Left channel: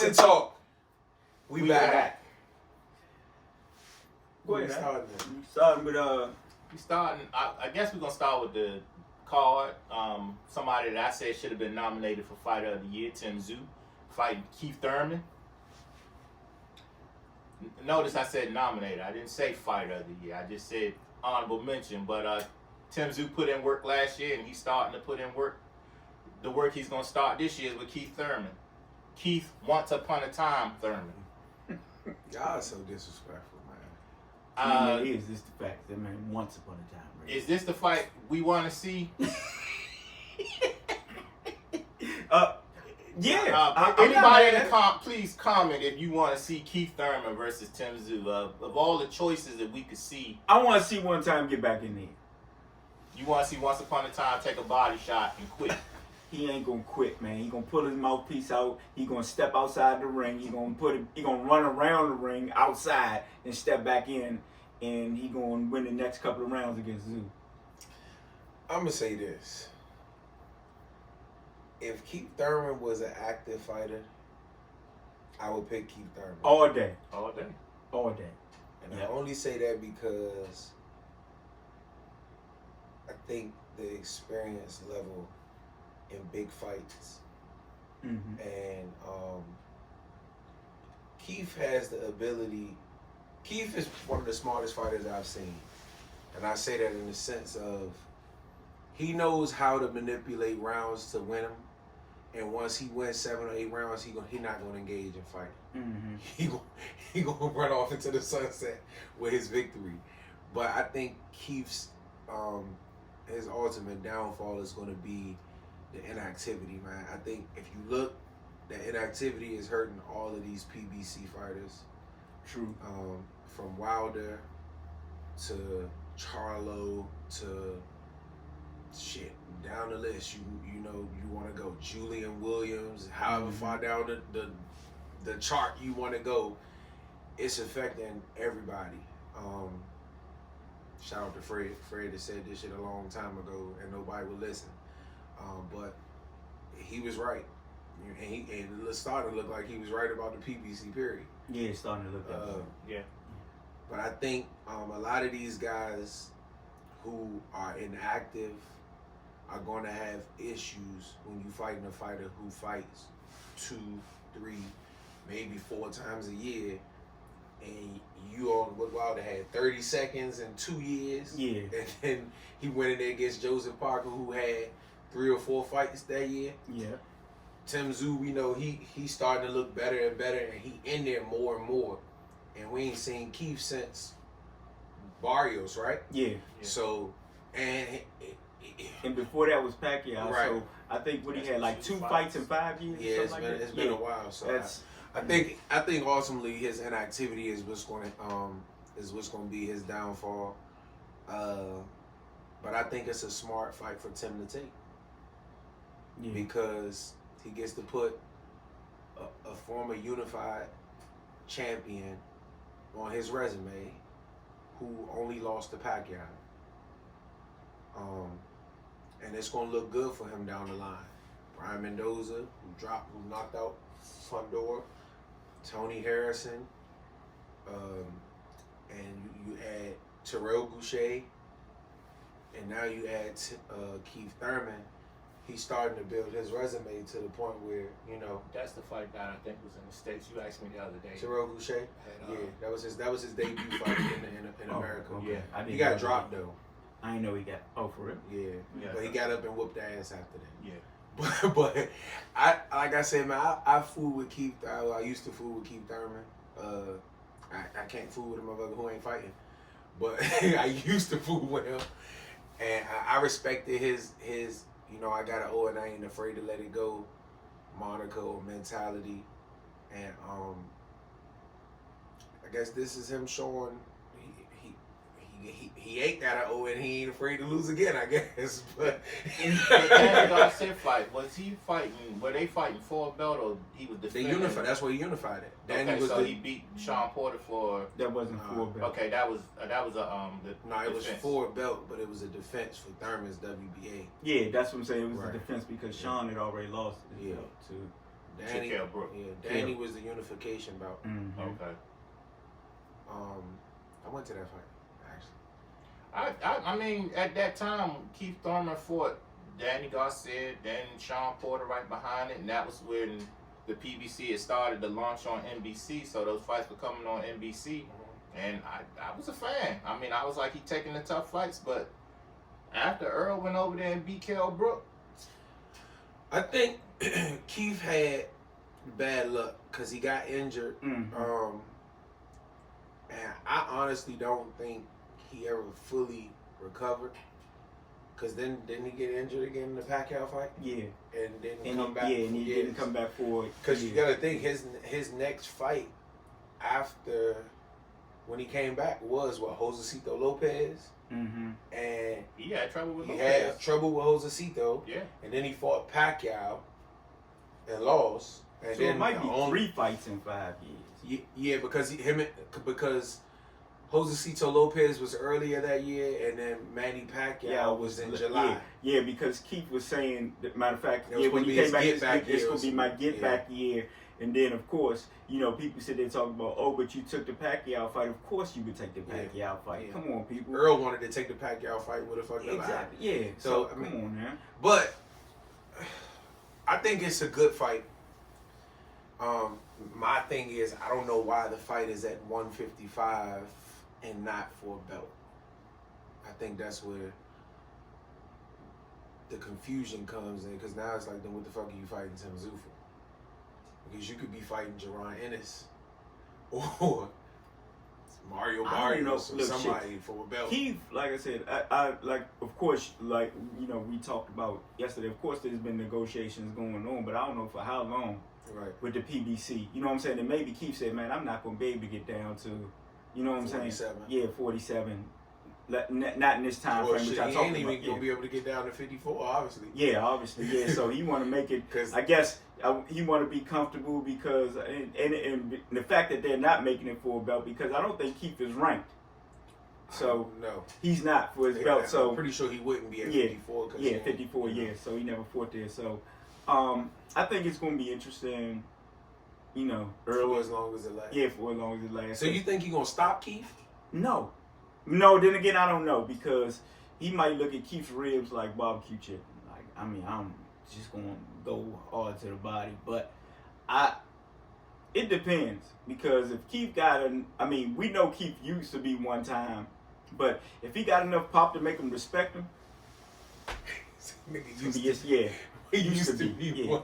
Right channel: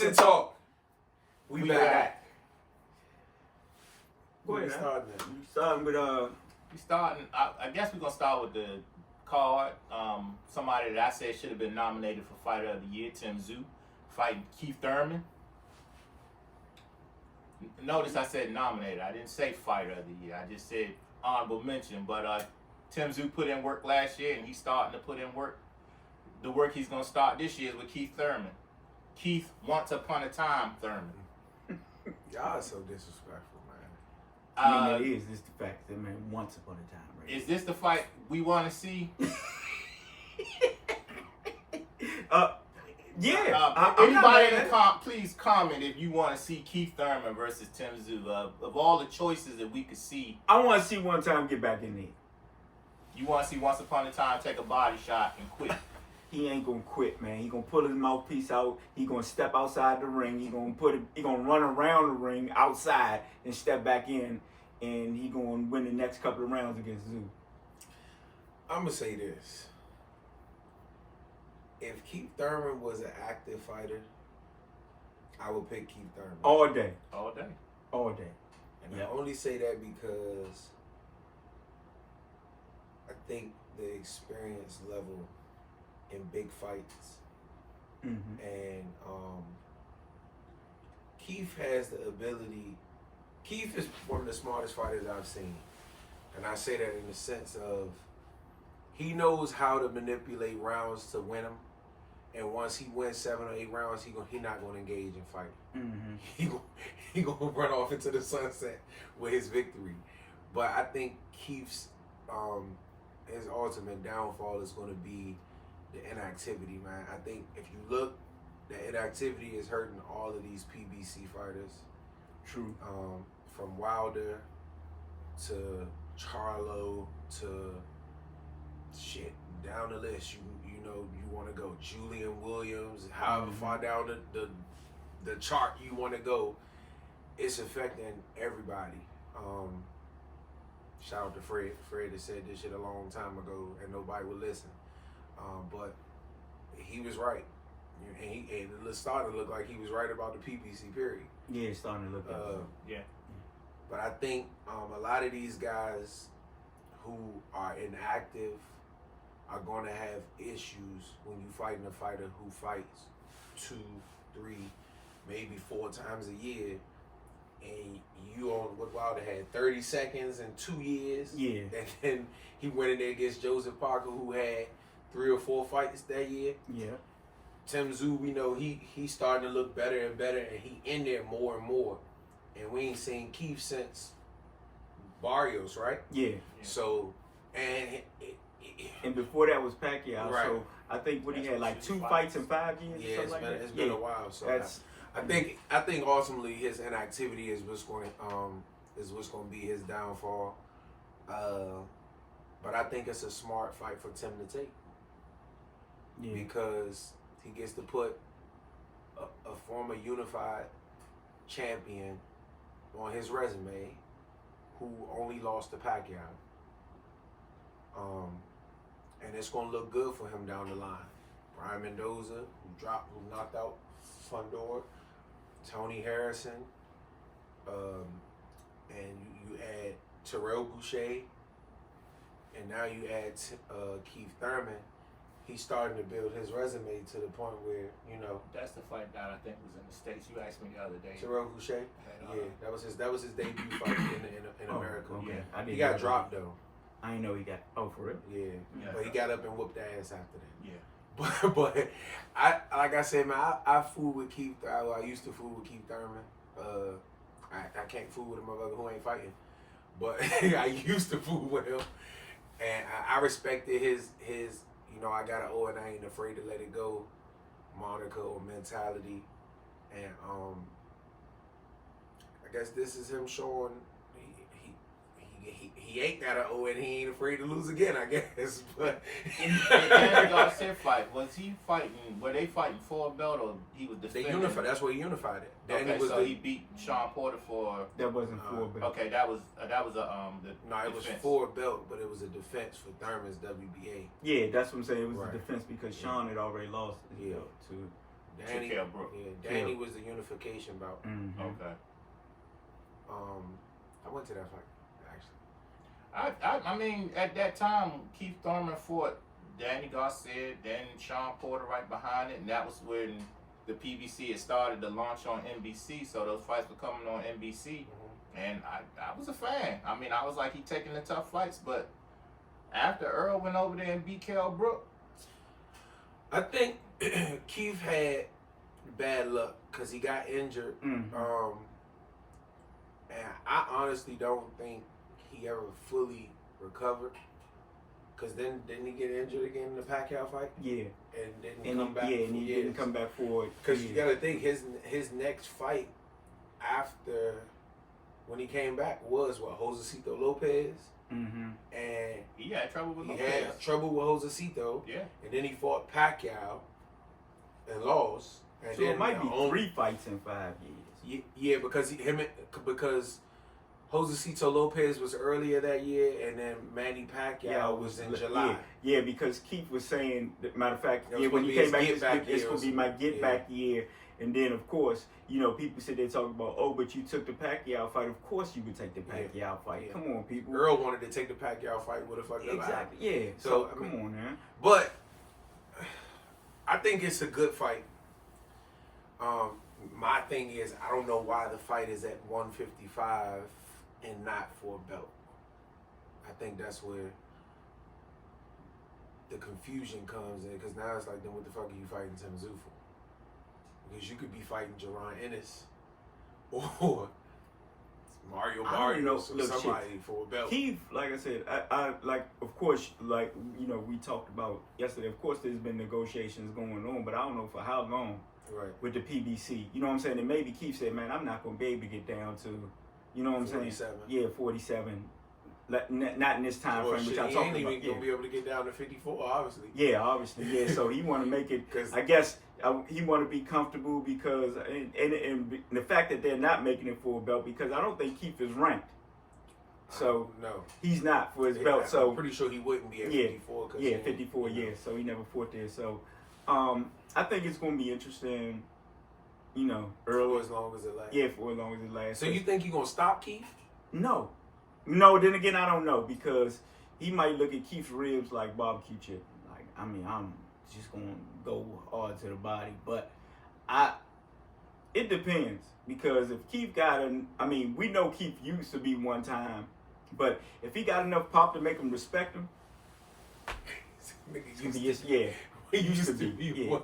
Boxing talk. We back. Go ahead. I guess we're gonna start with the card. Somebody that I said should have been nominated for Fighter of the Year, Tszyu, fighting Keith Thurman. Notice I said nominated. I didn't say Fighter of the Year. I just said honorable mention. But Tszyu put in work last year, and he's starting to put in work. The work he's gonna start this year is with Keith Thurman. Keith, once upon a time, Thurman. Y'all are so disrespectful, man. I mean, is this the fact that, man, once upon a time, right? Is this the fight we want to see? Yeah. Anybody in the please comment if you want to see Keith Thurman versus Tszyu. Of all the choices that we could see, I want to see one time get back in there. You want to see once upon a time take a body shot and quit. He ain't gonna quit, man. He gonna pull his mouthpiece out. He gonna step outside the ring. He gonna run around the ring outside and step back in, and he gonna win the next couple of rounds against Tszyu. I'm gonna say this: if Keith Thurman was an active fighter, I would pick Keith Thurman All day. And I only say that because I think the experience level in big fights, and Keith has the ability. Keith is one of the smartest fighters I've seen, and I say that in the sense of he knows how to manipulate rounds to win them. And once he wins 7 or 8 rounds, he not gonna engage in fighting. He gonna run off into the sunset with his victory. But I think Keith's his ultimate downfall is gonna be the inactivity, man. I think if you look, the inactivity is hurting all of these PBC fighters. True. From Wilder to Charlo to shit down the list. You know you want to go Julian Williams. However far down the chart you want to go, it's affecting everybody. Shout out to Fred. Fred has said this shit a long time ago, and nobody would listen. But he was right, and it started to look like he was right about the PBC period. Yeah, it's starting to look that way. Yeah. But I think a lot of these guys who are inactive are going to have issues when you fighting a fighter who fights 2, 3, maybe 4 times a year, and you on what Wilder had 30 seconds in 2 years. Yeah. And then he went in there against Joseph Parker, who had 3 or 4 fights that year. Yeah. Tszyu, we know he's starting to look better and better, and he in there more and more. And we ain't seen Keith since Barrios, right? Yeah. So, and before that was Pacquiao. Right. So I think he had like 2 fights in 5 years. Yeah, or something it's been a while. So I think ultimately his inactivity is what's going to be his downfall. But I think it's a smart fight for Tim to take. Yeah. Because he gets to put a former unified champion on his resume who only lost to Pacquiao. And it's going to look good for him down the line. Brian Mendoza, who knocked out Fundor, Tony Harrison, and you add Terrell Boucher, and now you add Keith Thurman. He's starting to build his resume to the point where, That's the fight that I think was in the States. You asked me the other day. Terrell Boucher? That was his debut fight in America. Okay. Yeah. He got dropped though. I didn't know he got. Oh, for real? Yeah. But he got up and whooped the ass after that. Yeah. But I like I said, man, I fool with Keith. I used to fool with Keith Thurman. I can't fool with a motherfucker who ain't fighting. But I used to fool with him, and I respected his I got an O and I ain't afraid to let it go moniker or mentality. And I guess this is him showing he ain't got an O and he ain't afraid to lose again, I guess. But in the Danny Garcia fight, was he fighting? Were they fighting for a belt or he was defending? They unified. That's where he unified it. Danny he beat Sean Porter for. That wasn't for a belt. Okay, that was a it was for a belt, but it was a defense for Thurman's WBA. Yeah, that's what I'm saying. It was a defense because Sean had already lost his belt to Danny, Kell Brook. Yeah, Danny was the unification bout. Mm-hmm. Okay. I went to that fight actually. I mean, at that time, Keith Thurman fought Danny Garcia, then Sean Porter right behind it, and that was when the PBC had started to launch on NBC. So those fights were coming on NBC, and I was a fan. I mean, I was like, he taking the tough fights, but after Earl went over there and beat Kell Brook, I think Keith had bad luck because he got injured. Mm-hmm. And I honestly don't think he ever fully recovered. Because then didn't he get injured again in the Pacquiao fight? Yeah. And didn't come back. Yeah, and he didn't come back for it. Because you got to think his next fight after when he came back was Josecito Lopez. Mm-hmm. And he had trouble with he Lopez. had trouble with Josecito. Yeah. And then he fought Pacquiao and lost. And So then it might be 3 fights in 5 years. Yeah, because Josecito Lopez was earlier that year, and then Manny Pacquiao was in July. Yeah, because Keith was saying, matter of fact, It was when gonna he be came back, his get back it's year going to or be my something. get back year. And then, of course, people said they talk about, oh, but you took the Pacquiao fight. Of course you would take the Pacquiao fight. Yeah. Come on, people. Earl wanted to take the Pacquiao fight with a fucking Exactly, yeah. So, Come on, man. But I think it's a good fight. My thing is, I don't know why the fight is at 155 and not for a belt. I think that's where the confusion comes in, because now it's like, then what the fuck are you fighting Tszyu for? Because you could be fighting Jaron Ennis or Mario I don't know. Barrios or Look, somebody for a belt. Keith, like I said, I like, of course, like, we talked about yesterday, of course there's been negotiations going on, but I don't know for how long Right. with the PBC. You know what I'm saying? And maybe Keith said, man, I'm not going to be able to get down to, you know what I'm 47. saying? Yeah, 47. Not in this time Well, frame, which shit, I he talked ain't about. even gonna be able to get down to 54, obviously. Yeah, obviously. Yeah, so he want to make it, 'Cause- I guess, he want to be comfortable because, and the fact that they're not making it for a belt, because I don't think Keith is ranked. So no, he's not for his belt. So I'm pretty sure he wouldn't be at Yeah, 54. 'Cause yeah, he- 54 years. So he never fought there. So I think it's going to be interesting, early. For as long as it lasts. Yeah, for as long as it lasts. So you think he gonna stop Keith? No. Then again, I don't know, because he might look at Keith's ribs like barbecue chicken. Like, I mean, I'm just going to go hard to the body. But it depends, because if Keith we know Keith used to be one time, but if he got enough pop to make him respect him, Nigga he used used to be. Yeah.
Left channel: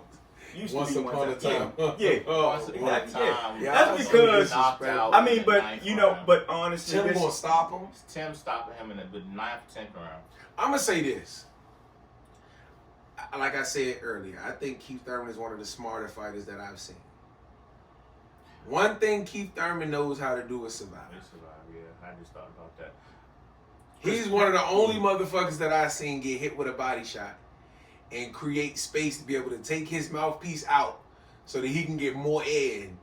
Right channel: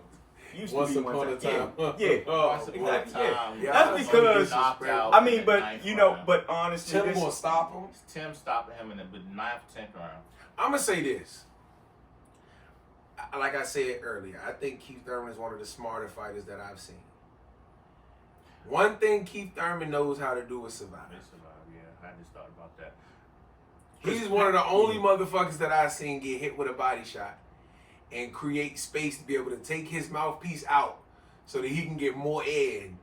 Used to once be upon one a time. time. Yeah. Once upon a Exactly, yeah. time, That's when he because- knocked out I in mean, the but ninth you know, round. but honestly, Tim gonna stop him. Tim stopping him in the 9th, 10th round. I'm gonna say this. Like I said earlier, I think Keith Thurman is one of the smarter fighters that I've seen. One thing Keith Thurman knows how to do is survive. They survived, yeah. I just thought about that. He's one of the only motherfuckers that I've seen get hit with a body shot and create space to be able to take his mouthpiece out so that he can get more air in.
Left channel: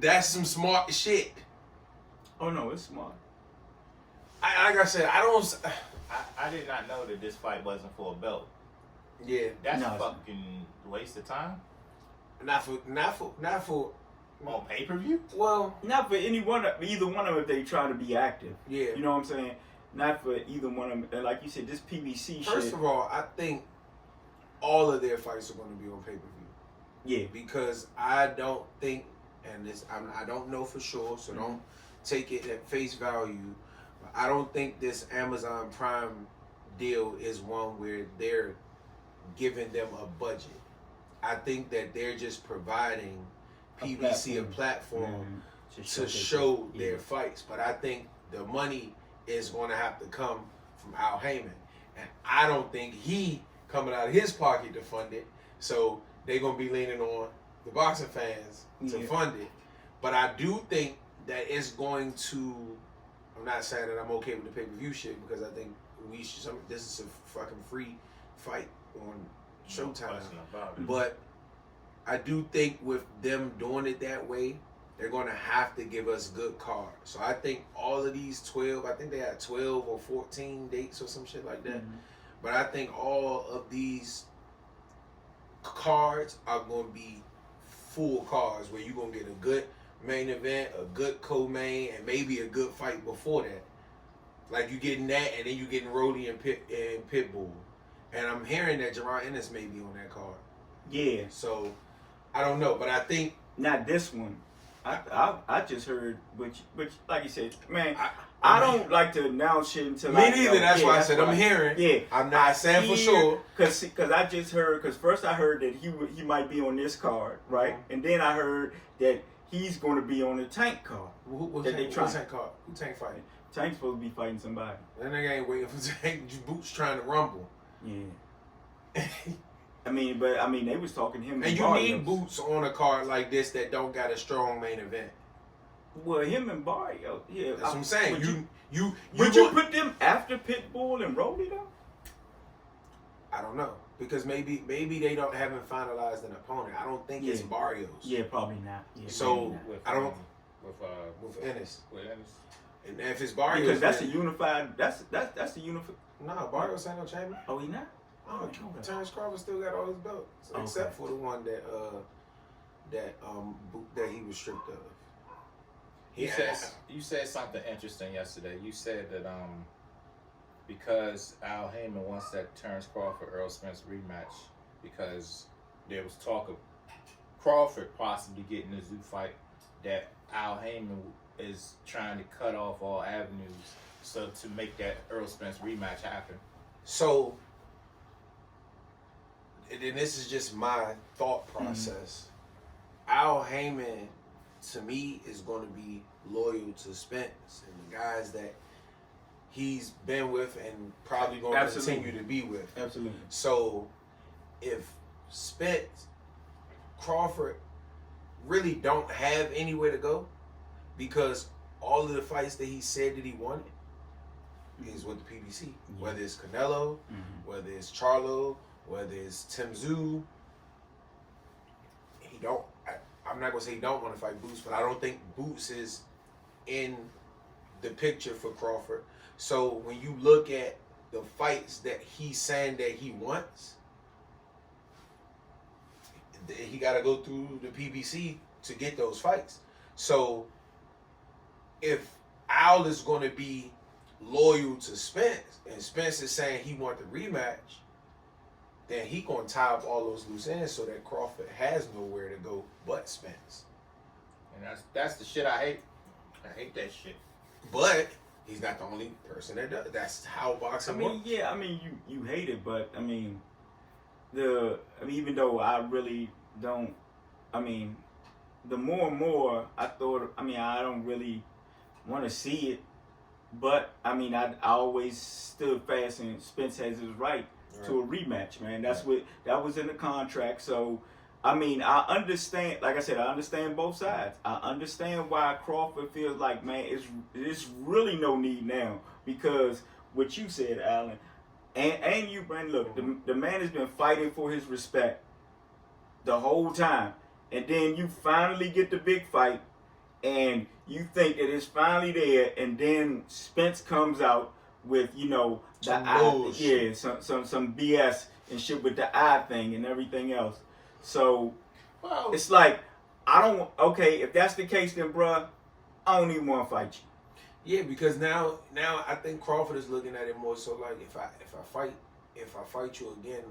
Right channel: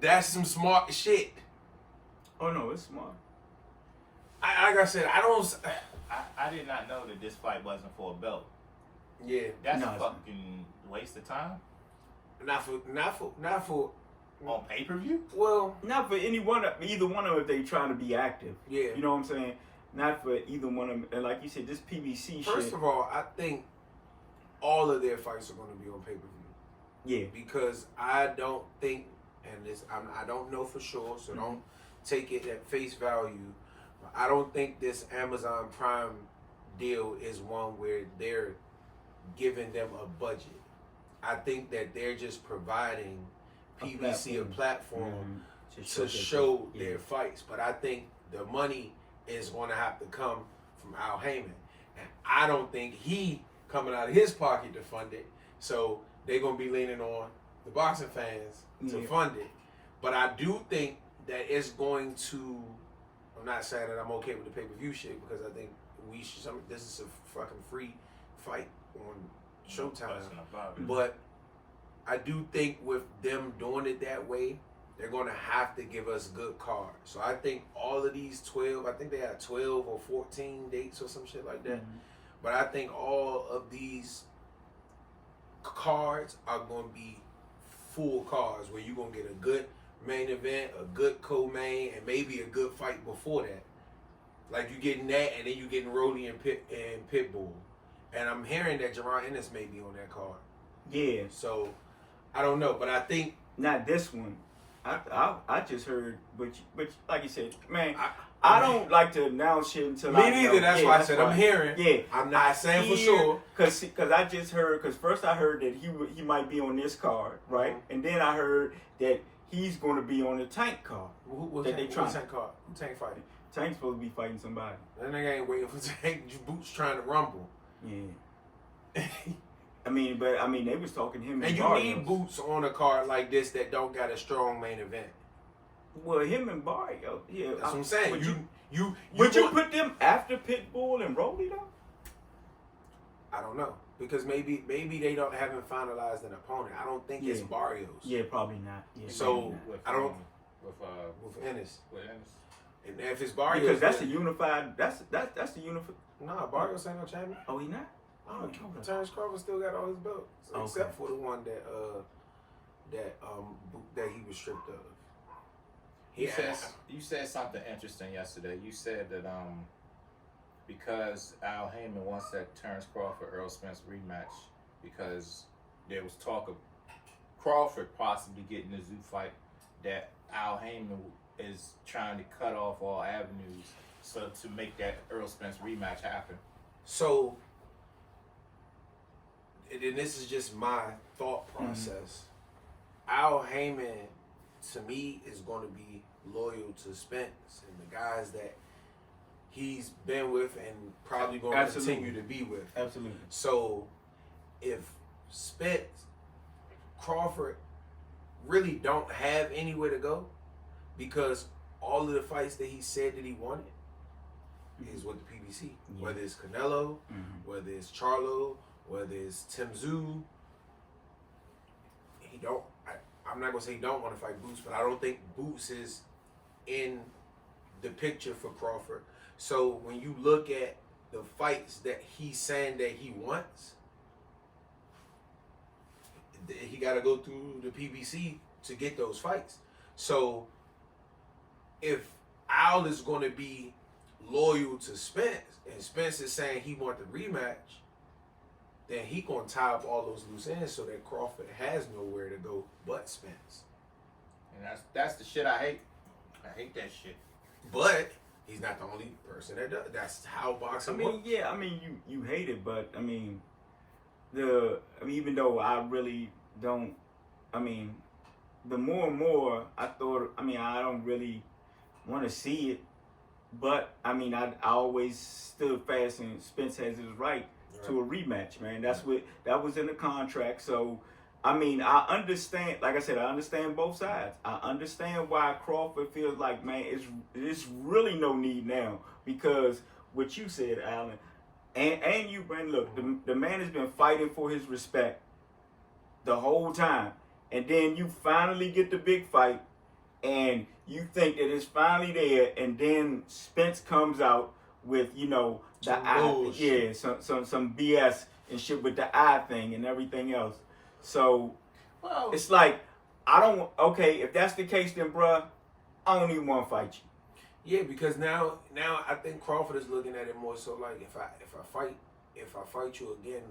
That's some smart shit. oh no, it's smart. Like I said, I did not know that this fight wasn't for a belt. Yeah, That's No, it's fucking waste of time. not for. On pay-per-view? Well, Not for either one of them if they trying to be active. yeah. You know what I'm saying? Not for either one of them. And like you said, this PBC First shit. of all, I think all of their fights are going to be on pay-per-view. Yeah. Because I don't think, and I don't know for sure, so don't take it at face value. But I don't think this Amazon Prime deal is one where they're giving them a budget. I think that they're just providing PBC a platform to show their fights. But I think the money is going to have to come from Al Heyman. And I don't think he coming out of his pocket to fund it. So they're going to be leaning on the boxing fans to fund it. But I do think that it's going to, I'm not saying that I'm okay with the pay-per-view shit, because I think this is a fucking free fight on Showtime. Question about it. But I do think with them doing it that way, they're going to have to give us good cards. So I think all of these 12, I think they had 12 or 14 dates or some shit like that. But I think all of these cards are going to be full cards where you're going to get a good main event, a good co-main, and maybe a good fight before that. Like you getting that, and then you getting Roddy and Pitbull. And I'm hearing that Jaron Ennis may be on that card. Yeah. So I don't know, but I think not this one. I just heard, but like you said, man, I don't like to announce shit until me neither. That's why I said I'm hearing. Yeah, I'm not saying for sure. Cause I just heard. Cause first I heard that he might be on this card, right? Mm-hmm. And then I heard that he's going to be on the Tank card. Who's Tank card? Who Tank fighting? Tank's supposed to be fighting somebody. That nigga ain't waiting for Tank. Boots trying to rumble. Yeah. I mean, they was talking to him. And you need Boots on a card like this that don't got a strong main event. Well, him and Barrio, yeah. That's what I'm saying. Would you put them after Pitbull and Roddy though? I don't know, because maybe they haven't finalized an opponent. I don't think it's Barrios. Yeah, probably not. Yeah, so with Ennis. With Ennis. And if it's Barrios, because that's a unified. That's the unified. Nah, Barrios ain't no champion. Oh, he not. Oh, Terrence Crawford still got all his belts, except for the one that he was stripped of. You said something interesting yesterday. You said that because Al Heyman wants that Terrence Crawford Earl Spence rematch because there was talk of Crawford possibly getting a Tszyu fight, that Al Heyman is trying to cut off all avenues so to make that Earl Spence rematch happen. So, and this is just my thought process. Al Heyman, to me, is going to be loyal to Spence and the guys that he's been with and probably going to continue to be with. Absolutely. So, if Spence, Crawford really don't have anywhere to go, because all of the fights that he said that he wanted is with the PBC. Yeah. Whether it's Canelo, whether it's Charlo, whether it's Tszyu, I'm not gonna say he don't want to fight Boots, but I don't think Boots is in the picture for Crawford. So when you look at the fights that he's saying that he wants, he got to go through the PBC to get those fights. So if Al is going to be loyal to Spence, and Spence is saying he wants the rematch, then he gonna tie up all those loose ends so that Crawford has nowhere to go but Spence. And that's the shit I hate. I hate that shit. But he's not the only person that does. That's how boxing works. Yeah, I mean, you hate it, but I mean, even though I really don't, the more and more I thought, I don't really want to see it, but I always stood fast, and Spence has his right to a rematch, man. That was in the contract. So, I understand. Like I said, I understand both sides. I understand why Crawford feels like, man, it's really no need now, because what you said, Alan, and you, Brandon. Look, the man has been fighting for his respect the whole time, and then you finally get the big fight, and you think that it's finally there, and then Spence comes out with some BS and shit with the eye thing and everything else. So it's like, if that's the case, then bruh, I don't even want to fight you. Yeah, because now I think Crawford is looking at it more so like, if I fight you again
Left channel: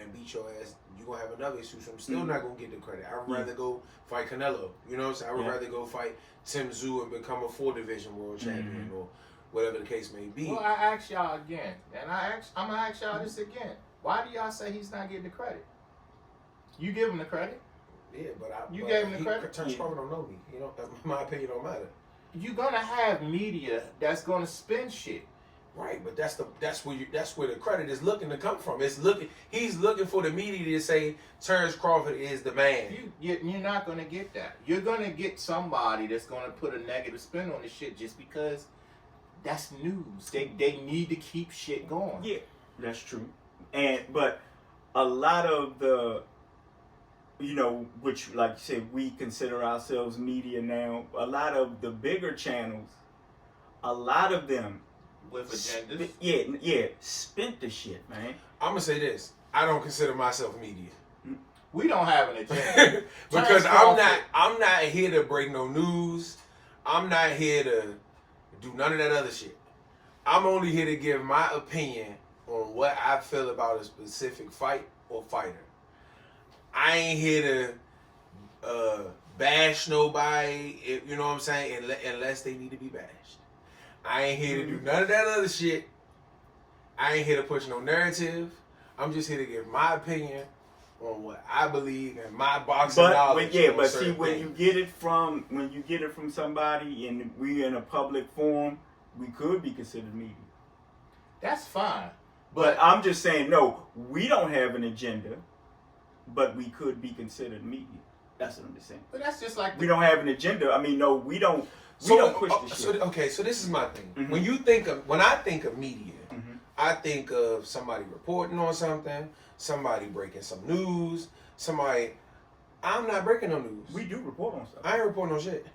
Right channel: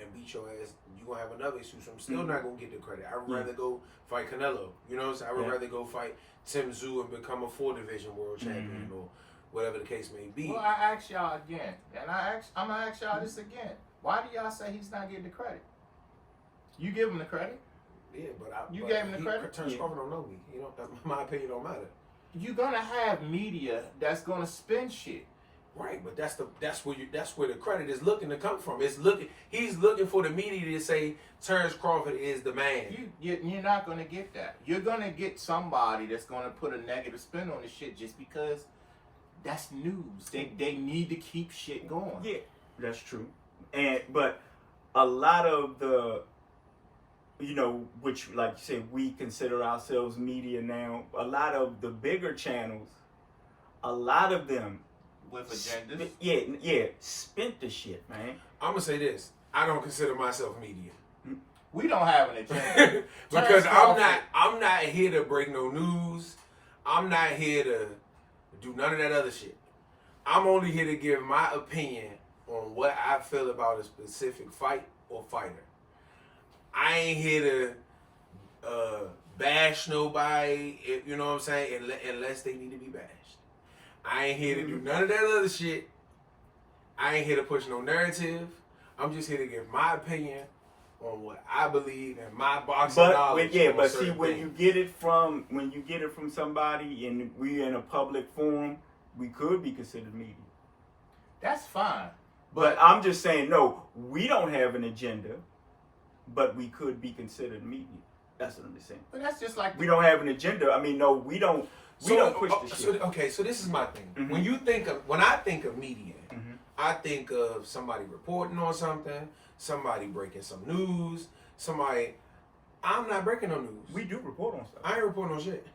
and beat your ass, you gonna have another issue. So I'm still not gonna get the credit. I would rather go fight Canelo. You know what I'm saying? I would rather go fight Tszyu and become a 4-division world champion or whatever the case may be. Well, I ask y'all again, and I'm gonna ask y'all this again. Why do y'all say he's not getting the credit? You give him the credit. Yeah, but you gave him the credit. Terrence Crawford don't know me. My opinion don't matter. You're gonna have media that's gonna spin shit. Right, but that's where the credit is looking to come from. He's looking for the media to say Terrence Crawford is the man. You're not gonna get that. You're gonna get somebody that's gonna put a negative spin on the shit just because that's news. They need to keep shit going. Yeah, that's true. But a lot of the, which, like you said, we consider ourselves media now. A lot of the bigger channels, a lot of them with agendas. Spent the shit, man. I'm gonna say this: I don't consider myself media. We don't have an agenda. Because Terrence I'm not here to break no news. I'm not here to do none of that other shit. I'm only here to give my opinion on what I feel about a specific fight or fighter. I ain't here to bash nobody, you know what I'm saying, unless they need to be bashed. I ain't here to do none of that other shit. I ain't here to push no narrative. I'm just here to give my opinion on what I believe and my boxing knowledge. But see, when you get it from somebody and we in a public forum, we could be considered media. That's fine. But I'm just saying, no, we don't have an agenda, but we could be considered media. That's what I'm just saying. But that's just like we don't have an agenda. I mean, no, we don't push the shit. So this is my thing. Mm-hmm. When I think of media, mm-hmm. I think of somebody reporting on something, somebody breaking some news, I'm not breaking no news. We do report on stuff. I ain't reporting no shit.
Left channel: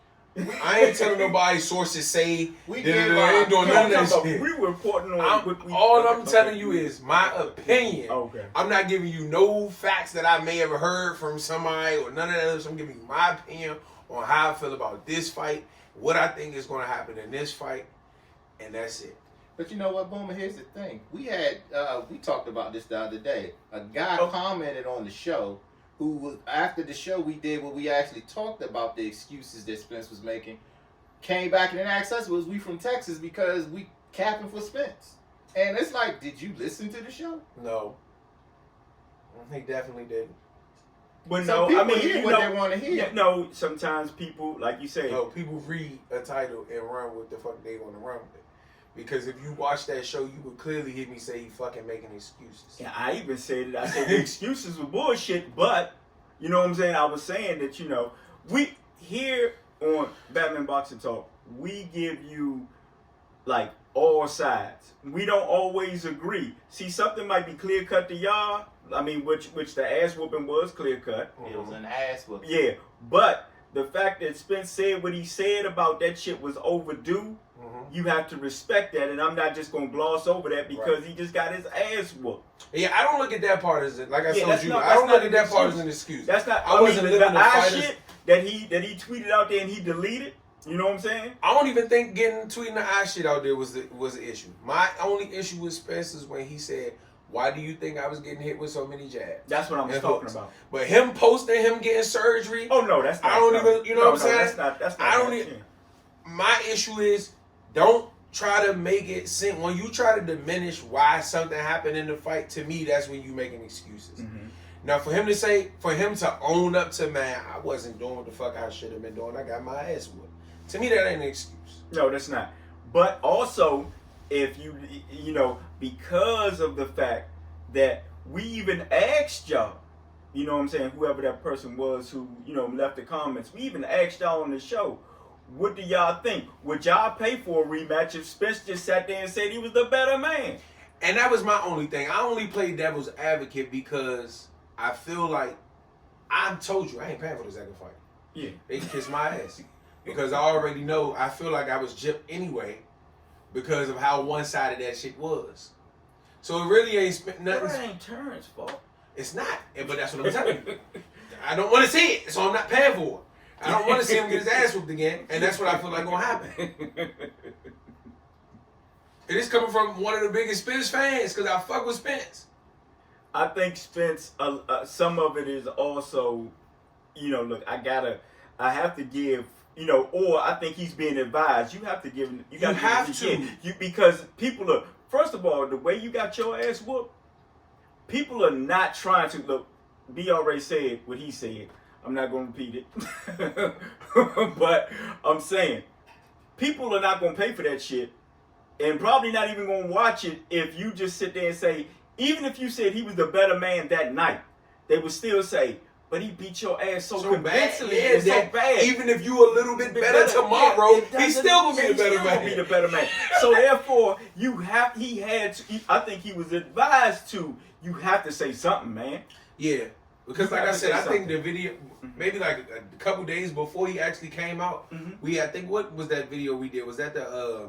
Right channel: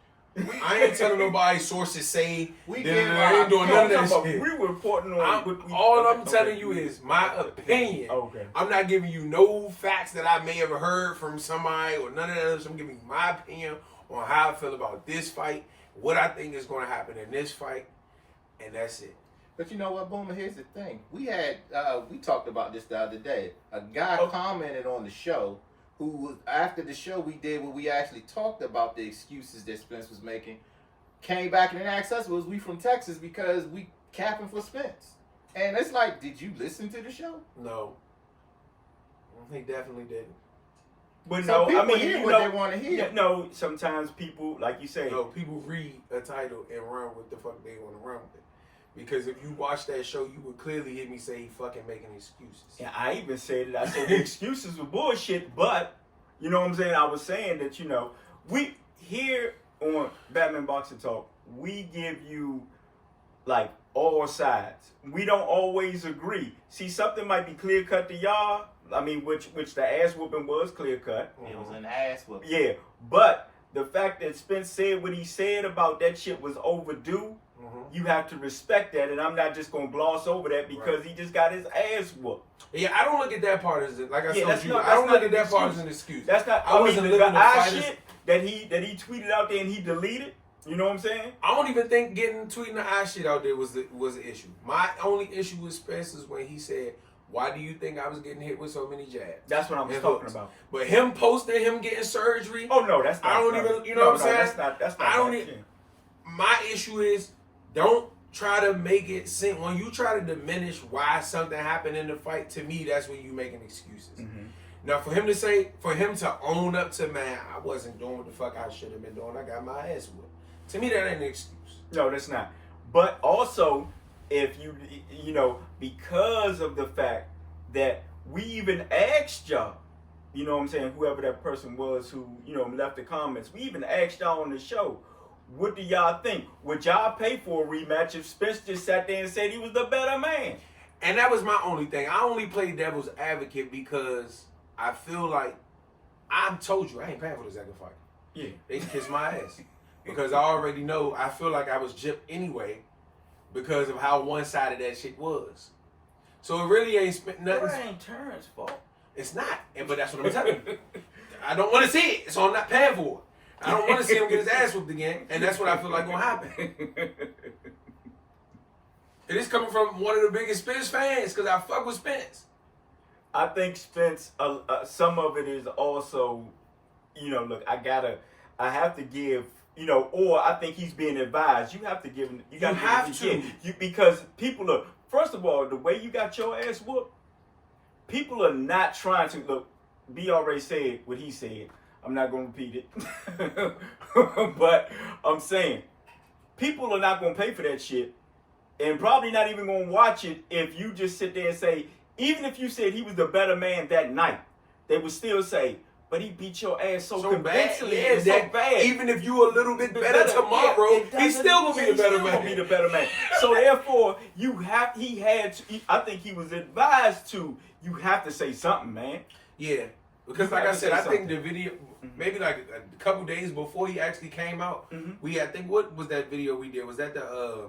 I ain't telling nobody sources say I ain't doing none of that shit. We reporting on all I'm telling you is my opinion. Okay. I'm not giving you no facts that I may have heard from somebody or none of that other. I'm giving you my opinion on how I feel about this fight, what I think is going to happen in this fight, and that's it. But you know what, Boomer? Here's the thing. We talked about this the other day. A guy commented on the show who was, after the show we did where we actually talked about the excuses that Spence was making, came back and then asked us, was we from Texas because we capping for Spence? And it's like, did you listen to the show? No. He definitely didn't. But Some people I mean, hear what they want to hear. Yeah, no, sometimes people, like you say, people read a title and run with the fuck they want to run with it. Because if you watch that show, you would clearly hear me say he fucking making excuses. Yeah, I even said it. I said the excuses were bullshit, but you know what I'm saying? I was saying that, we here on Batman Boxing Talk, we give you like all sides. We don't always agree. See, something might be clear cut to y'all. I mean, which the ass whooping was clear cut. It was an ass whooping. Yeah, but the fact that Spence said what he said about that shit was overdue, you have to respect that, and I'm not just gonna gloss over that because he just got his ass whooped. Yeah, I don't look at that part as like I told you. I don't look at that part as an excuse. That's not. I wasn't living the shit that he tweeted out there and he deleted. You know what I'm saying? I don't even think tweeting the eye shit out there was an issue. My only issue with Spence is when he said, "Why do you think I was getting hit with so many jabs?" That's what I'm talking about. But him posting him getting surgery. Oh no, that's not. I don't even. You know what I'm saying? That's not. I don't even. My issue is don't try to make it seem when you try to diminish why something happened in the fight. To me, that's when you making excuses. Mm-hmm. Now, for him to own up to, man, I wasn't doing what the fuck I should have been doing. I got my ass whooped. To me, that ain't an excuse. No, that's not. But also, if you because of the fact that we even asked y'all, you know what I'm saying, whoever that person was who, left the comments, we even asked y'all on the show, what do y'all think? Would y'all pay for a rematch if Spence just sat there and said he was the better man? And that was my only thing. I only played devil's advocate because I feel like I told you I ain't paying for the second fight. Yeah. They kissed my ass. Because I already know, I feel like I was gypped anyway because of how one-sided that shit was. So it really ain't spent nothing. That ain't Terrence's fault. It's not. But that's what I'm telling you. I don't want to see it, so I'm not paying for it. I don't want to see him get his ass whooped again, and that's what I feel like gonna happen. It is coming from one of the biggest Spence fans because I fuck with Spence. I think Spence, some of it is also, look, I have to give, or I think he's being advised. You have to give him, because people are, first of all, the way you got your ass whooped, people are not trying to, look, B already said what he said. I'm not going to repeat it. But I'm saying, people are not going to pay for that shit and probably not even going to watch it if you just sit there and say, even if you said he was the better man that night, they would still say, but he beat your ass so convincingly and so bad. Even if you a little bit better tomorrow, he's still going to be the better man. So therefore, I think he was advised to, you have to say something, man. Yeah. Because like I said, I think the video, maybe like a couple days before he actually came out, I think what was that video we did? Was that the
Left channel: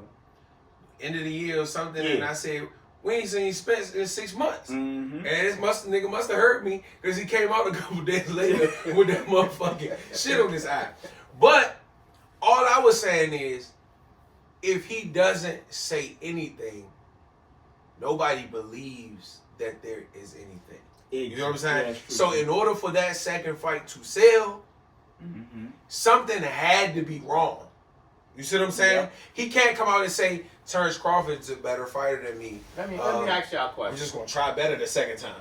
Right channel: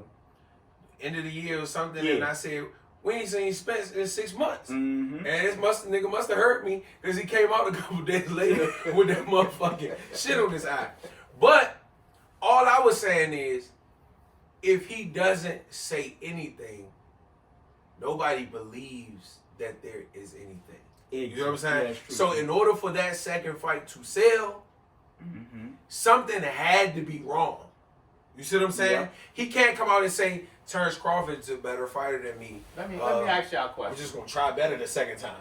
end of the year or something? Yeah. And I said, We ain't seen Spence in 6 months. Mm-hmm. And nigga must have hurt me because he came out a couple days later with that motherfucking shit on his eye. But all I was saying is, if he doesn't say anything, nobody believes that there is anything. You know what I'm saying? Yeah, so in order for that second fight to sell, something had to be wrong. You see what I'm saying? Yeah. He can't come out and say Terrence Crawford's a better fighter than me. Let me ask y'all a question. We're just gonna try better the second time.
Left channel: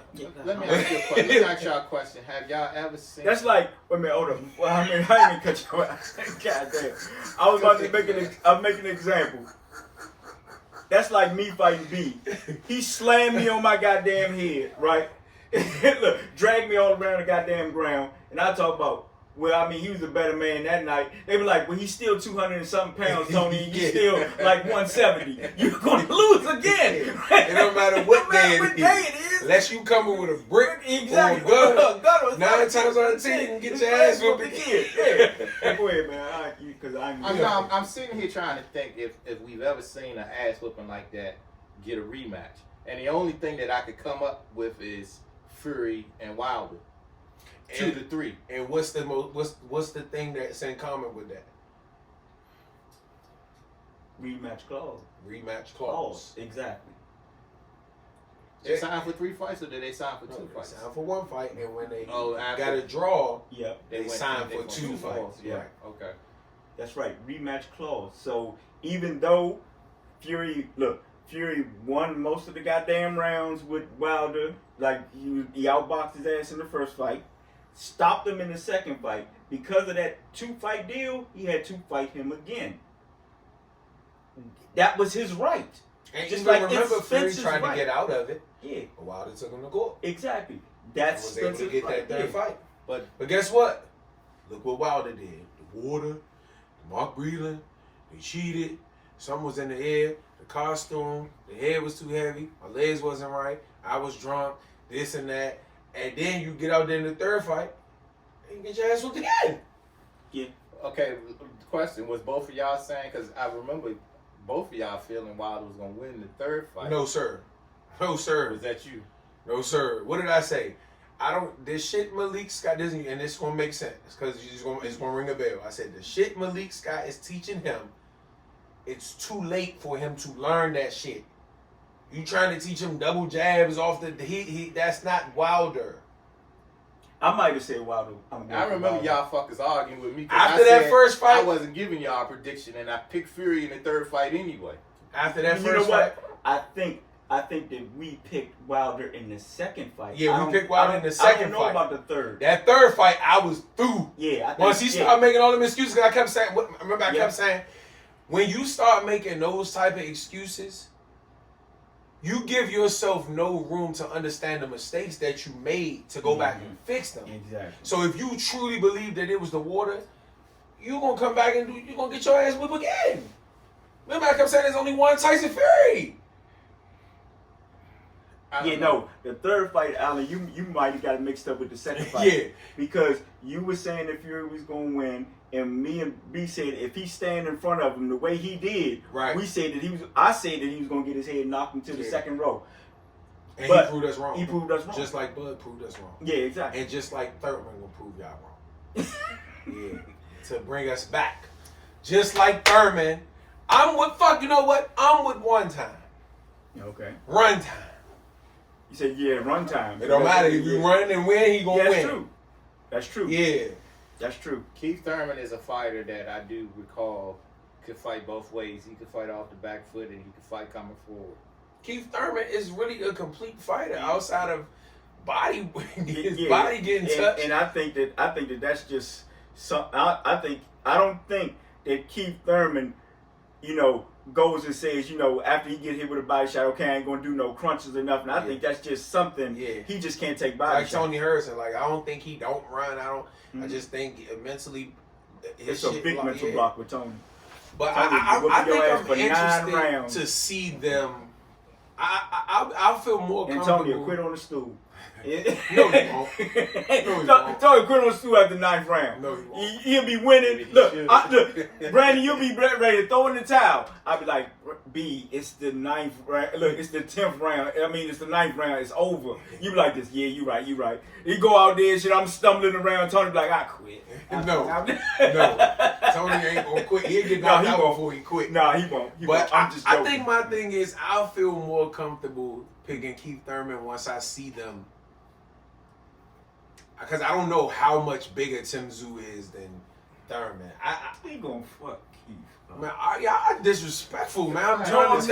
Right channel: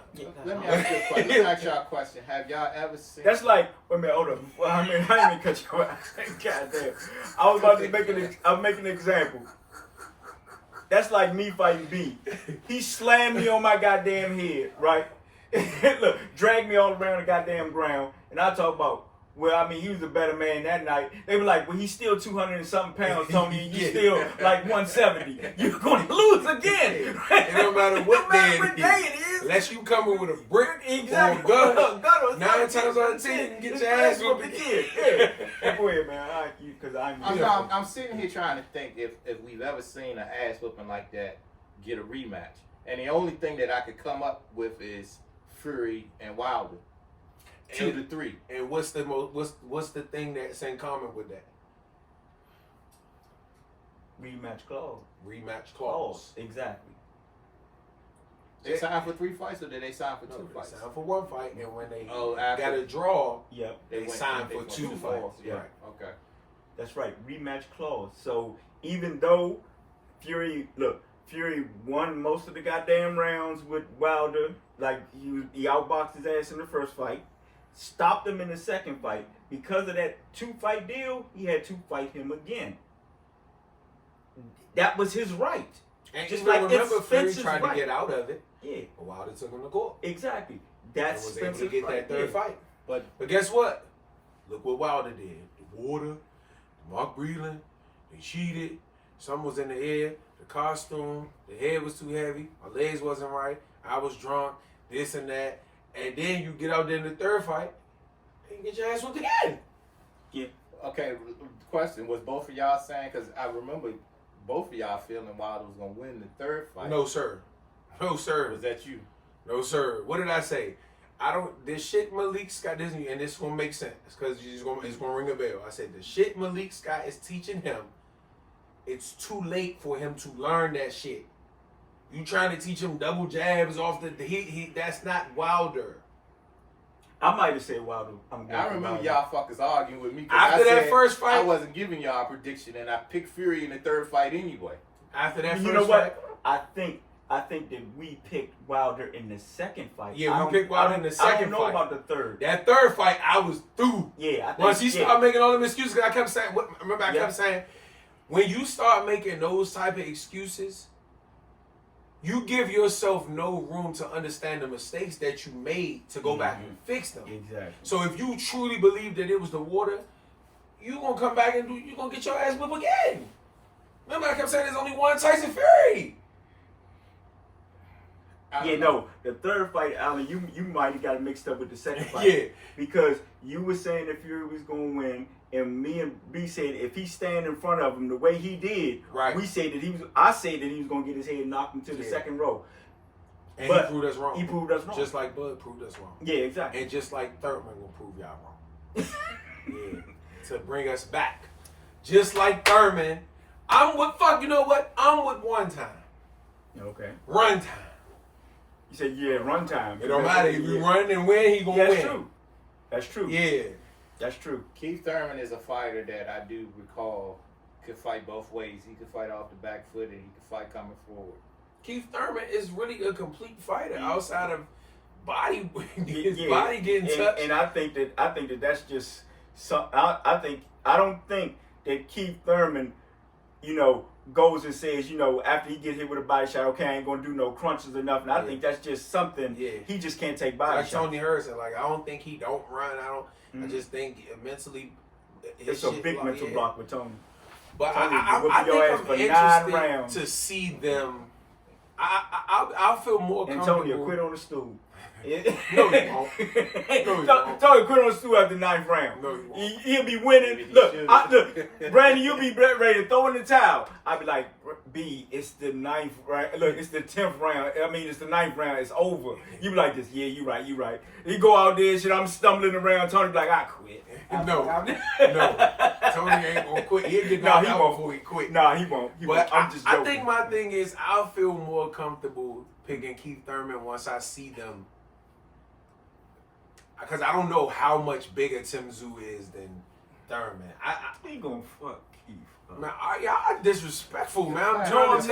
Let me ask you a question. Let me ask y'all a question. Have y'all ever seen? That's like, wait a minute, hold on. Well, I didn't even cut you out. God damn. I was about to make an example. That's like me fighting B. He slammed me on my goddamn head, right? Look, dragged me all around the goddamn ground, and I talk about, well, I mean, he was a better man that night. They were like, well, he's still 200 and something pounds, Tony, and you still like 170. You're going to lose again. It don't matter what day it is. Unless you coming with a brick Exactly. or a gun. 9 times out out of 10, you can get your ass whooped again. Yeah. Go ahead, man. Because I'm sitting here trying to think if we've ever seen an ass whooping like that get a rematch. And the only thing that I could come up with is Fury and Wilder. 2 to 3. And what's the thing that's in common with that? rematch clause. Rematch clause. Exactly. They signed for 3 fights, or did they sign for 2 They fights? signed for 1 fight, and when they after- got a draw, Yep. they signed for 2 fights. Yeah. Right. Okay. That's right. Rematch clause. So even though Fury won most of the goddamn rounds with Wilder, like he outboxed his ass in the first fight, stopped him in the second fight. Because of that 2-fight deal, he had to fight him again. That was his right. And Just you like remember it's Fury Spencer's tried right. to get out of it, Yeah, but Wilder took him to court. exactly. And That's was able to Spencer's get right. that 3rd Yeah. fight. But guess what? Look what Wilder did. The water, the Mark Breland, they cheated. Something was in the air. The costume, the head was too heavy. My legs wasn't right. I was drunk. This and that. And then you get out there in the 3rd fight and you get your ass whooped again. okay, the question was both of y'all saying, because I remember both of y'all feeling Wilder was gonna win the 3rd fight. No, sir. No, sir. Was that you? No, sir. What did I say? This shit Malik Scott doesn't, and this gonna make sense because it's gonna ring a bell. I said the shit Malik Scott is teaching him, it's too late for him to learn that shit. You trying to teach him double jabs off the that's not Wilder. I might have said Wilder. I remember y'all fuckers arguing with me. After that first fight, I wasn't giving y'all a prediction, and I picked Fury in the 3rd fight anyway. After that You first know fight, what? I think that we picked Wilder in the 2nd fight. Yeah, we picked Wilder in the second I don't know fight. about the 3rd. that 3rd fight, I was through. Yeah, I think, Once he started making all them excuses, 'cause I kept saying, I kept saying, when you start making those type of excuses, you give yourself no room to understand the mistakes that you made to go back and fix them. Exactly. So if you truly believe that it was the water, you're going to come back and you're going to get your ass whipped again. Remember, I kept saying there's only one Tyson Fury. No, the 3rd fight, Alan, you might have got it mixed up with the 2nd fight. Yeah. Because you were saying that Fury was going to win, and me and B said if he stand in front of him the way he did, Right. I said that he was going to get his head knocked into the 2nd row. And But he proved us wrong. He proved us wrong. Just like Bud proved us wrong. Yeah, exactly. And just like Thurman will prove y'all wrong. Yeah. To bring us back. Just like Thurman, you know what? I'm with one time. Okay. Run time. You said, run time. It don't matter. If you run and win, he gonna win. That's true. That's true. Yeah. That's true. Keith Thurman is a fighter that I do recall could fight both ways. He could fight off the back foot and he could fight coming forward. Keith Thurman is really a complete fighter outside of body Yeah. body getting touched. And I think that that's just some. I don't think that Keith Thurman, goes and says, after he get hit with a body shot, okay, I ain't gonna do no crunches or nothing. I think that's just something. Yeah. He just can't take body like shots. Tony Harrison, I don't think he don't run. I just think mentally It's a big mental block with Tony. But Tony, I whooping your ass think for I'm 9 interested rounds. to see them. I feel more comfortable. Antonio quit on the stool. No, he won't. Tony quit on the stool after the 9th round. No, he won't. He'll be winning. Maybe he Look, should. look, Brandon, you'll be ready to throw in the towel. I'll be like, B, it's the 9th round. Look, it's the 10th round. I mean, it's the 9th round. It's over. You be like this. Yeah, you right. He go out there, shit. I'm stumbling around. Tony be like, I quit. No. Tony ain't gonna quit. He'll get knocked out before he quit. Nah, he won't. I'm just joking. I think my thing is I'll feel more comfortable picking Keith Thurman once I see them. Because I don't know how much bigger Tszyu is than Thurman. I ain't gonna fuck Keith. Man, y'all disrespectful, man. I'm telling you,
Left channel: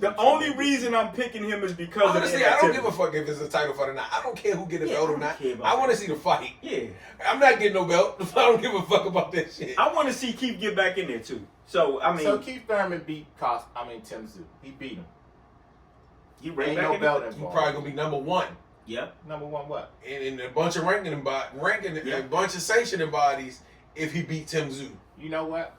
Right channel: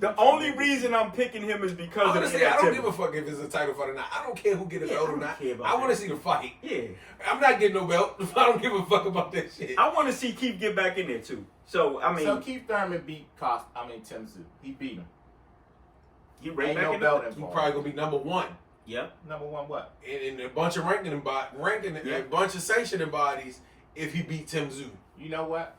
the only me. reason I'm picking him is because honestly, of I don't give a fuck if it's a title fight or not. I don't care who get a belt or not. I want to see the fight. Yeah. I'm not getting no belt. I don't give a fuck about that shit. I want to see Keith get back in there too. So I mean, Keith Thurman beat Tszyu. He beat him. He right ain't back no in belt He involved. probably gonna be number one. Yep. Number one what? In a bunch of ranking a bunch of sanctioning bodies if he beat Tszyu. You know what?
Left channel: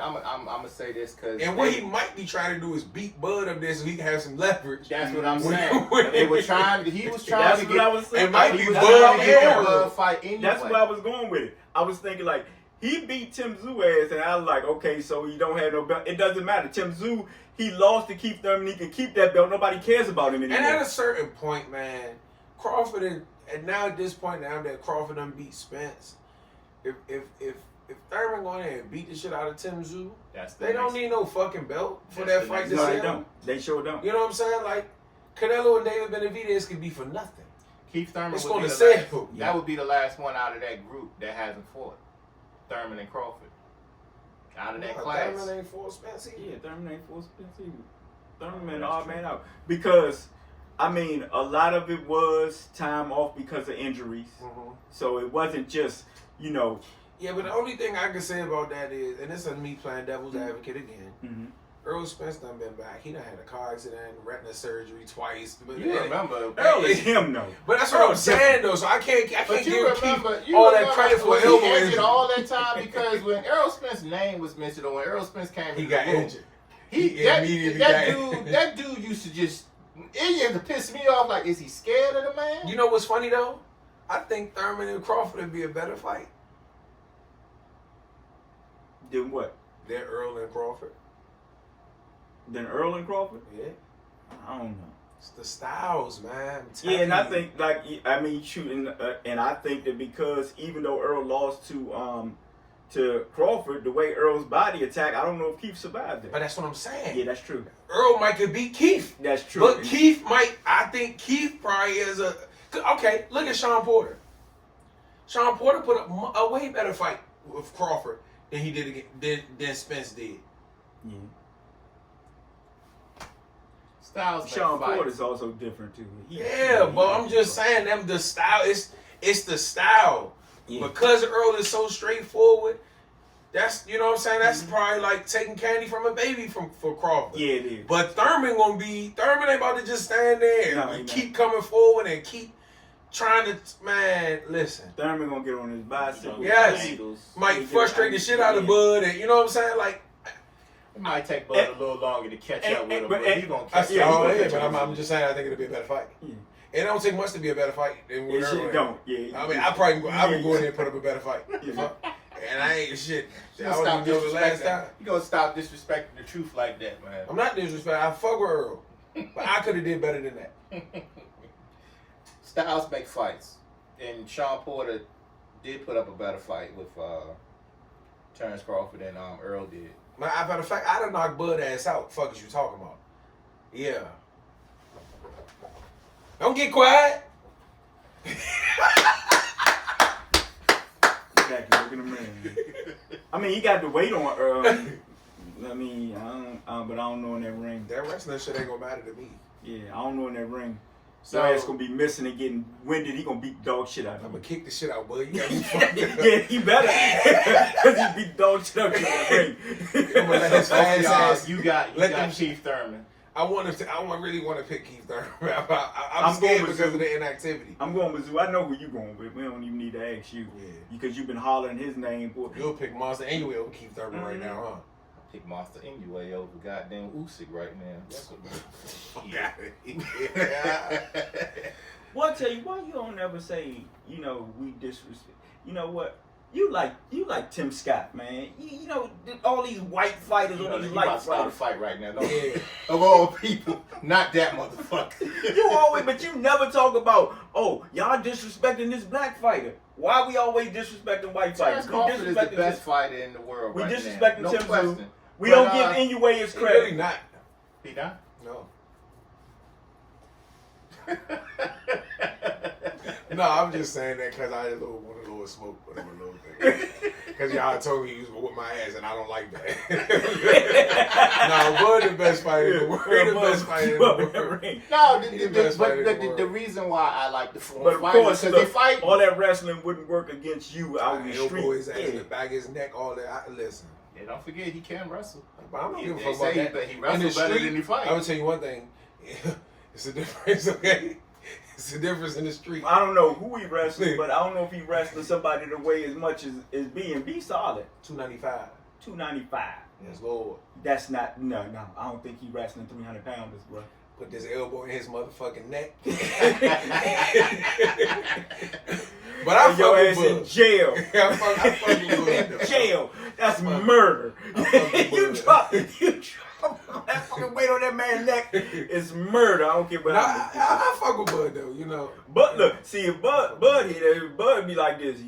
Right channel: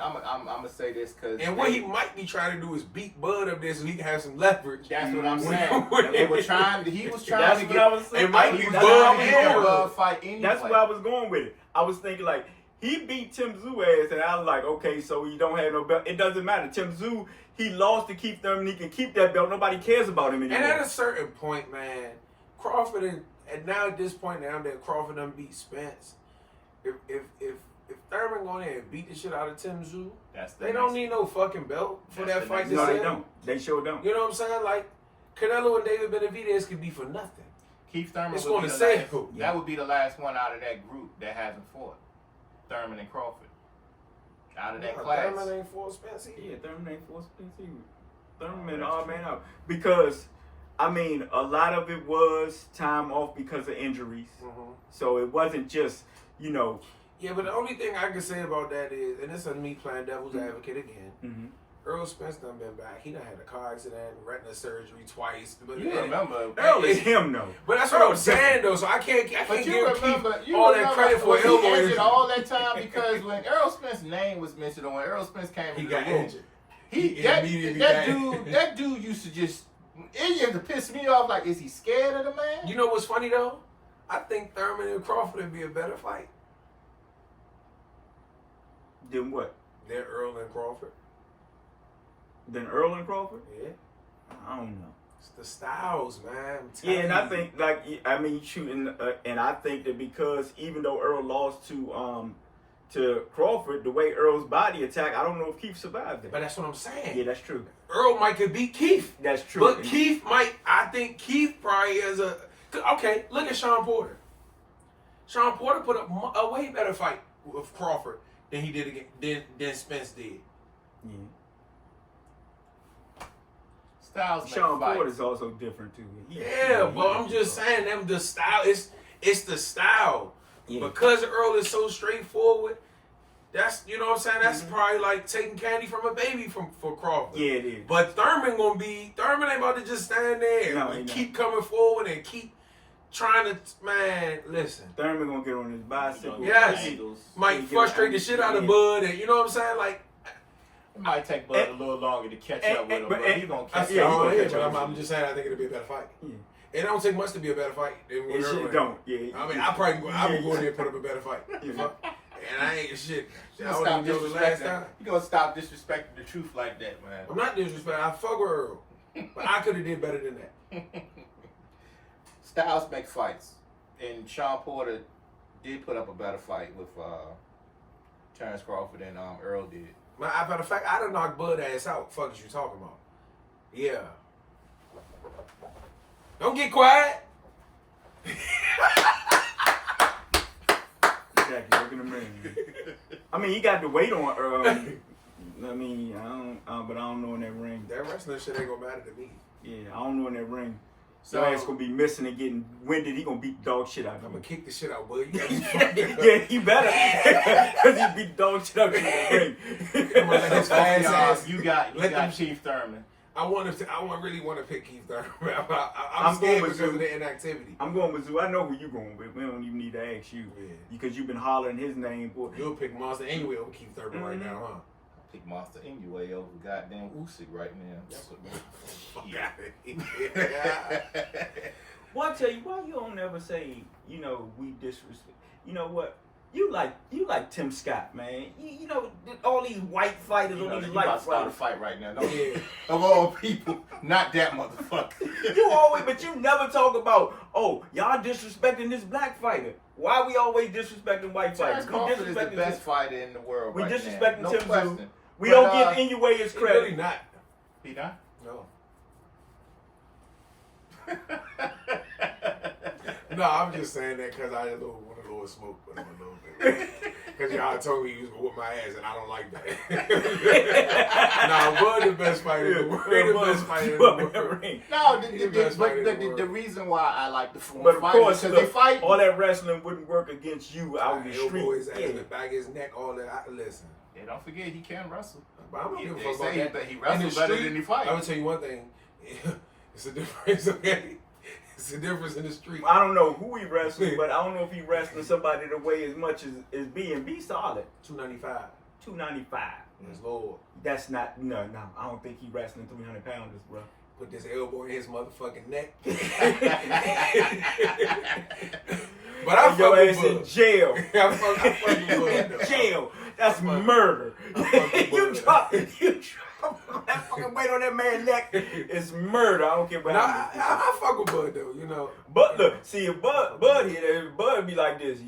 I'm gonna say this because what he might be trying to do is beat Bud up there so he can have some leverage. That's what I'm saying. He was trying to That's get. what I was saying. It might be He was Bud trying to get and the Bud. Bud fight anyway. That's where I was going with it. I was thinking like he beat Tszyu ass, and I was like, okay, so he don't have no belt. It doesn't matter. Tszyu, he lost to Keith Thurman. He can keep that belt. Nobody cares about him anymore. And at a certain point, man, Crawford and now at this point now that Crawford done beat Spence, if Thurman go in there and beat the shit out of Tszyu, they don't need no fucking belt for that fight. No, they don't. They sure don't. You know what I'm saying? Like Canelo and David Benavidez could be for nothing. Keith Thurman It's would going be to the say last. who. That would be the last one out of that group that hasn't fought. Thurman and Crawford. Out of that class. Thurman ain't for Spence either. Yeah, Thurman ain't for Spence either. Thurman odd man out because. I mean, a lot of it was time off because of injuries. Mm-hmm. So it wasn't just, Yeah, but the only thing I can say about that is, and this is me playing devil's advocate again, Earl Spence done been back. He done had a car accident, retina surgery twice. You remember. Earl is him, though. But that's what I'm saying, though. So I can't give Keith all that credit for he elbow injured injury. all that time because when Earl Spence's name was mentioned or when Earl Spence came He in got the room, injured. that dude used to just. It used to piss me off. Like, is he scared of the man? You know what's funny though? I think Thurman and Crawford would be a better fight Then what? than Earl and Crawford. Then Earl and Crawford? Yeah, I don't know. it's the styles, man. Yeah, and I think shooting, and I think that because even though Earl lost to Crawford, the way Earl's body attack, I don't know if Keith survived that. But that's what I'm saying. Yeah, that's true. Earl might could beat Keith. That's true. But Keith might. I think Keith probably is a. Okay, look at Sean Porter. Sean Porter put up a way better fight with Crawford than he did than Spence did. Yeah. Styles. Sean Porter is also different too. But I'm just saying them the style. It's the style. Yeah. Because Earl is so straightforward. That's what I'm saying. That's probably like taking candy from a baby for Crawford. Yeah, it is. But Thurman ain't about to just stand there and keep coming forward and keep trying to. Man, listen. Thurman gonna get on his bicycle. Yes, might frustrate the shit out of Bud, and you know what I'm saying. Like it might take Bud a little longer to catch up with him, but he's gonna catch up. I'm just saying. I think it'll be a better fight. Yeah. It don't take much to be a better fight than when It don't. Yeah. I mean, I would go in there and put up a better fight. And I ain't shit. You gonna stop disrespecting the truth like that, man. I'm not disrespecting. I fuck with Earl, but I could have did better than that. Styles make fights, and Sean Porter did put up a better fight with Terrence Crawford than Earl did. Matter of fact, I done knocked Bud ass out. Fuck is you talking about? Yeah. Don't get quiet. Exactly. Look at him ring. I mean, he got the weight on Earl. I mean, but I don't know in that ring. That wrestling shit ain't gonna matter to me. Yeah, I don't know in that ring. So he's gonna be missing and getting winded. He gonna beat dog shit out of him. I'm gonna kick the shit out, Bud. You Yeah, he better. Because he beat dog shit out of the ring. You got Keith Thurman. I really want to pick Keith Thurman. I'm scared because of the inactivity. I'm going with Tszyu. I know who you going with. We don't even need to ask you. Yeah. Because you've been hollering his name. Boy. You'll pick Monster anyway over Keith Thurman right now, huh? I pick Monster anyway over goddamn Usyk right now. That's what. Yeah. Well, I tell you, why you don't ever say, we disrespect. You know what? You like Tim Scott, man. You know all these white fighters, all these You light about to start a fighters. fight right now. Don't you? Of all people, not that motherfucker. You always, but you never talk about, oh, y'all disrespecting this black fighter. Why we always disrespecting white fighters? Terrence Crawford is the disrespecting best fighter in the world We right now. disrespecting No Tim Tszyu. question. We But, don't give Inoue his He credit. really not. He not? No. No, I'm just saying that because I had want a little smoke with him a little bit. Because y'all told me he was going to whip my ass, and I don't like that. No, Bud the best fighter in the world. He the best fighter in the world. No, He the best fighter in the the world. reason why I like the But of course, because they fight. all that wrestling wouldn't work against you out in the Elbow street. his ass in the back of his neck, all that. Listen. Yeah, don't forget he can wrestle. But I don't give a They fuck about say that. he In wrestles the better street, than he fights. I would tell you one thing. It's a difference, okay? It's a difference in the street. I don't know who he wrestling, but I don't know if he wrestling somebody to weigh as much as B&B solid. 295. 295. Yes, Lord. That's not, no. I don't think he wrestling 300 pounders, bro. Put this elbow in his motherfucking neck. But I Put your fuck ass with in Bud. jail. I fuck with Bud, though. In jail. That's murder. fuck with You Bud. drop that fucking weight on that man's neck. It's murder. I don't care about Nah, how many people. I fuck with Bud though, you know. But look, see if Bud hit it, Bud be like this.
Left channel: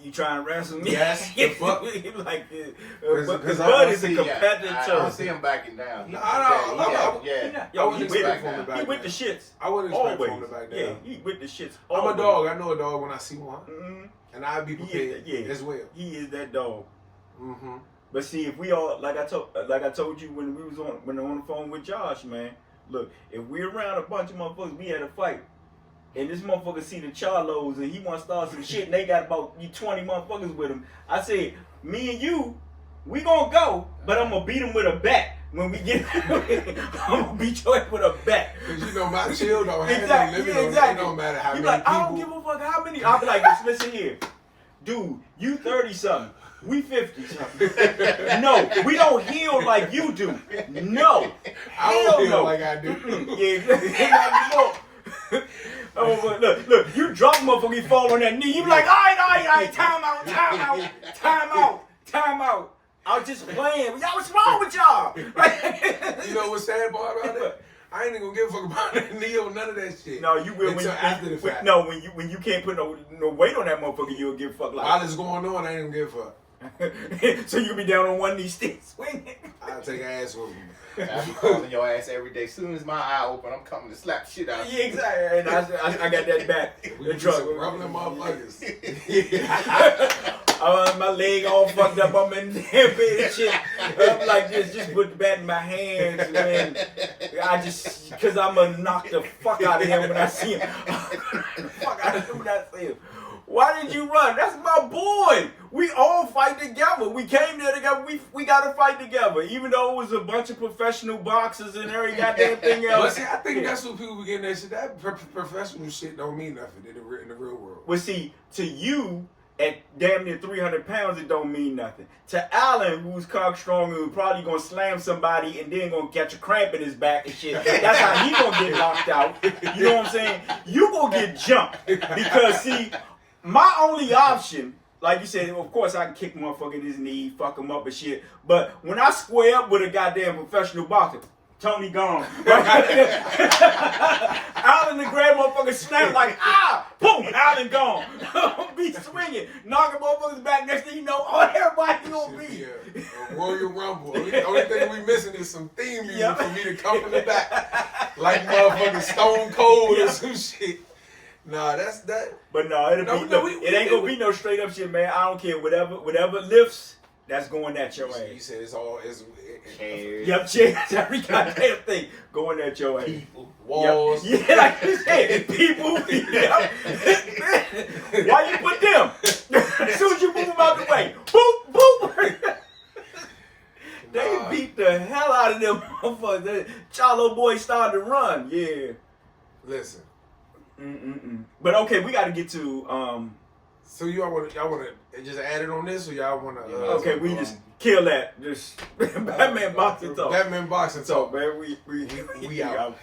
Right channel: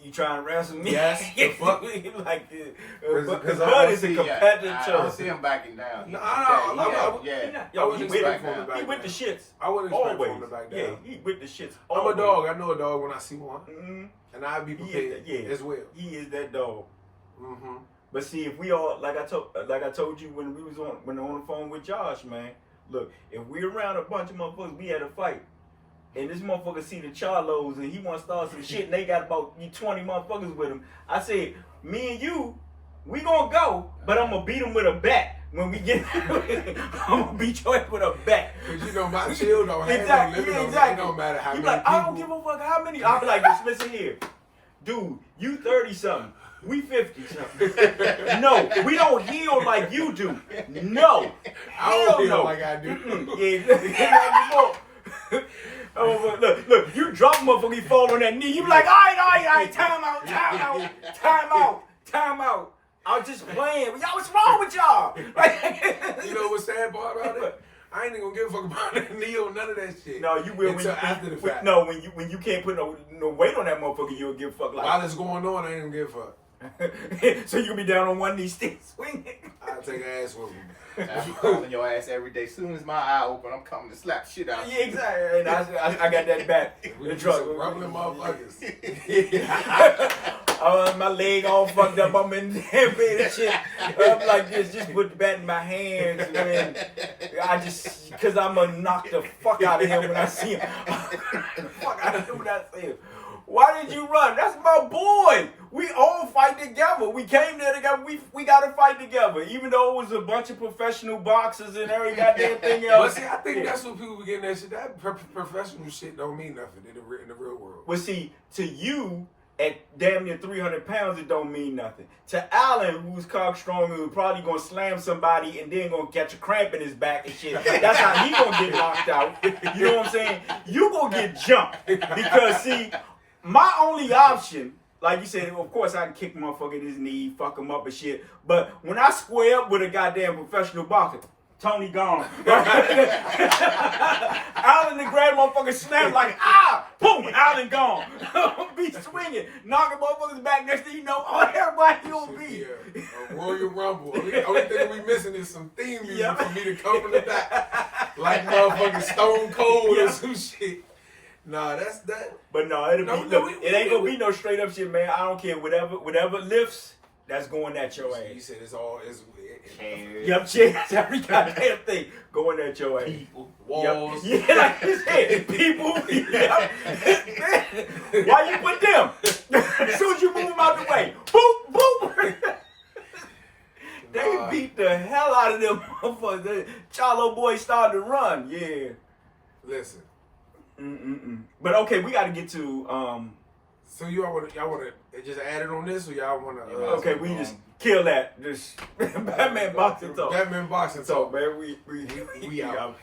You trying to wrestle me? Yes, the fuck. He like this. 'Cause Because I Bud don't is a competitor. I don't see him backing down. No, Yo, I he wouldn't with, expect him to back he with down. the shits. I wouldn't expect Always. him to back Yeah, down. he with the shits. I'm Always. a dog. I know a dog when I see one. Mm-hmm. And I'd be He is prepared that, as well. He is that dog. Mm-hmm. But see, if we all like I told you when we was on the phone with Josh, man. Look, if we're around a bunch of motherfuckers, we had a fight, and this motherfucker see the Charlos and he want to start some shit, and they got about 20 motherfuckers with him. I said, me and you, we gonna go, but I'm gonna beat him with a bat. When we get, I'm gonna beat your ass with a bat. Cause you know my chill don't have Exactly, no limit yeah, on it. exactly. It don't matter how You many like, people. I don't give a fuck how many. I'll be like, listen here, dude, you 30 something. We 50 something. No, we don't heal like you do. No. I don't Hell feel no. like I do. Yeah, oh, but look, you drop motherfucker, you fall on that knee. You be like, all right, time out. I was just playing. Y'all, what's wrong with y'all? You know what's sad part about it? I ain't even gonna give a fuck about that knee or none of that shit. No, you will until after the fact. No, when you can't put no weight on that motherfucker, you'll give a fuck like. While it's going on, I ain't gonna give a fuck. So you can be down on one knee, still swinging. I'll take an ass whooping. I be calling your ass every day. Soon as my eye open, I'm coming to slap shit out of you. Yeah, exactly. And I got that back. We The just truck. rumbling motherfuckers. My leg all fucked up. I'm in there, bed and shit. I'm like this, just put the bat in my hands, man. Cause I'm gonna knock the fuck out of him when I see him. Fuck out of him when I see him. Why did you run? That's my boy. We all fight together. We came there together. We got to fight together. Even though it was a bunch of professional boxers and every goddamn thing else. But see, I think that's what people be getting that shit. That professional shit don't mean nothing in the real world. Well, see, to you, at damn near 300 pounds, it don't mean nothing. To Allen, who's cock strong, who's probably gonna slam somebody and then gonna catch a cramp in his back and shit. That's how he gonna get knocked out. You know what I'm saying? You gonna get jumped because see, my only option, like you said, of course I can kick motherfucker in his knee, fuck him up and shit. But when I square up with a goddamn professional boxer, Tony gone. Allen the grand motherfucker snap like, boom, Allen gone. Be swinging, knocking motherfuckers back. Next thing you know, everybody gonna be. A Royal Rumble. The only thing we missing is some theme music for me to come from the back. Like motherfucking Stone Cold or some shit. Nah, that's that. But no, it ain't gonna be no straight up shit, man. I don't care. Whatever lifts, that's going at your ass. You said it's all Yup, chairs, every goddamn thing going at your ass. People, walls. Yep. Yeah, like you said, people. Yep. Why you put them? As soon as you move them out the way, boop, boop. They beat the hell out of them motherfuckers. The Chalo boys started to run. Yeah. Listen. But okay, we got to get to. So y'all want to just add it on this, or y'all want to? Okay, we just kill that. Just Batman boxing talk. Batman boxing So talk. man, we out.